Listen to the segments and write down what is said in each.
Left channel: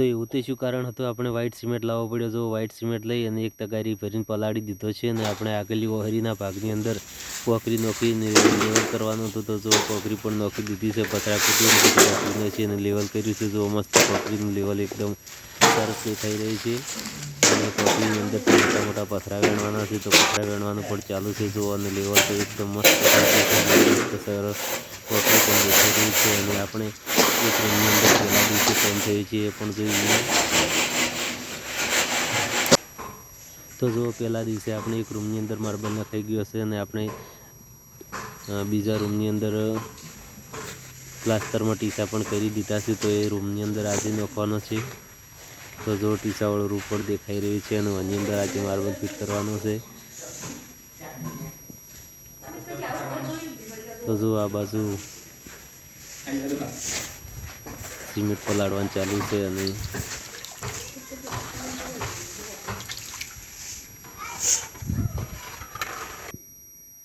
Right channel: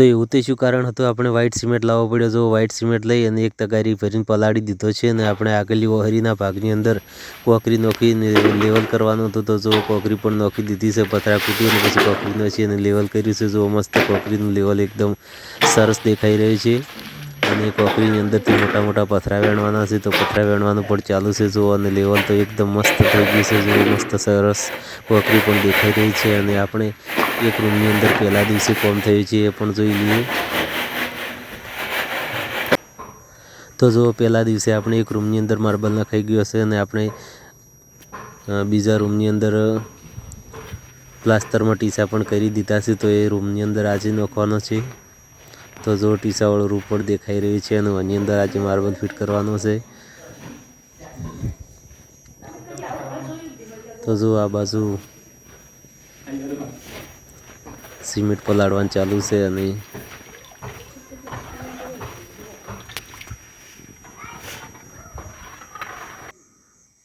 તો એવું તે શું કારણ હતું આપણે વ્હાઇટ સિમેન્ટ લાવવો પડ્યો. જો વ્હાઇટ સિમેન્ટ લઈ અને એક તગારી ભરીને પલાળી દીધો છે અને આપણે આગળની ઓહરીના ભાગની અંદર કોકરી નોખીને લેવલ કરવાનું હતું. તો જો કોકરી પણ નોખી દીધી છે, પતરા કૂટી અને પછી કોકરી નોખી અને લેવલ કર્યું છે. જો મસ્ત કોકરીનું લેવલ એકદમ સરસ દેખાઈ રહ્યું છે અને કોકરીની અંદરથી મોટા મોટા પથરા વેણવાના છે. તો પથરા વેણવાનું પણ ચાલુ છે. જો અને લેવલ તો એકદમ મસ્ત થઈ ગયું છે. જો મસ્ત સરસ કોકરી પણ દેખાઈ રહી છે અને આપણે એક રૂમની અંદર પહેલા દિવસે કોમ થયું છે એ પણ જોઈ લઈએ. તો જો પહેલા દિવસે આપણે એક રૂમની અંદર માર્બલ નખાઈ ગયો હશે અને આપણે બીજા રૂમની અંદર પ્લાસ્ટરમાં ટીસા પણ કરી દીધા છે. તો એ રૂમની અંદર આજે નાખવાનો છે. તો જો ટીસાવાળો રૂમ પણ દેખાઈ રહ્યું છે અને એની અંદર આજે માર્બલ ફિટ કરવાનો છે. તો જો આ બાજુ સિમેન્ટ પલાળવાનું ચાલુ છે અને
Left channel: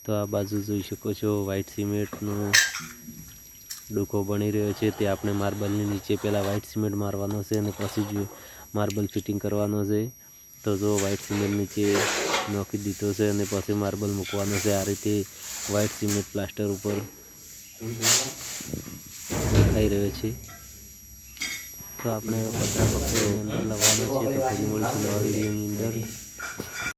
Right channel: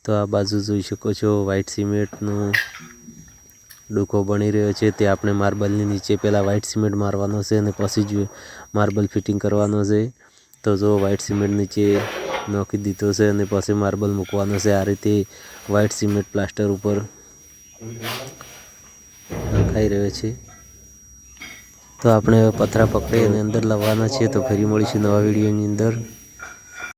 તો આ બાજુ જોઈ શકો છો વ્હાઇટ સિમેન્ટનો ડૂકો બની રહ્યો છે. તે આપણે માર્બલની નીચે પહેલાં વ્હાઇટ સિમેન્ટ મારવાનો છે અને પછી જ માર્બલ ફિટિંગ કરવાનો છે. તો જો વ્હાઇટ સિમેન્ટ નીચે નાખી દીધો છે અને પછી માર્બલ મૂકવાનો છે. આ રીતે વ્હાઇટ સિમેન્ટ પ્લાસ્ટર ઉપર નખાઈ રહ્યો છે. તો આપણે પતરા પકડી એની અંદર લાવવાના છે. તો ફરી મળીશું નવા વિડીયોની અંદર.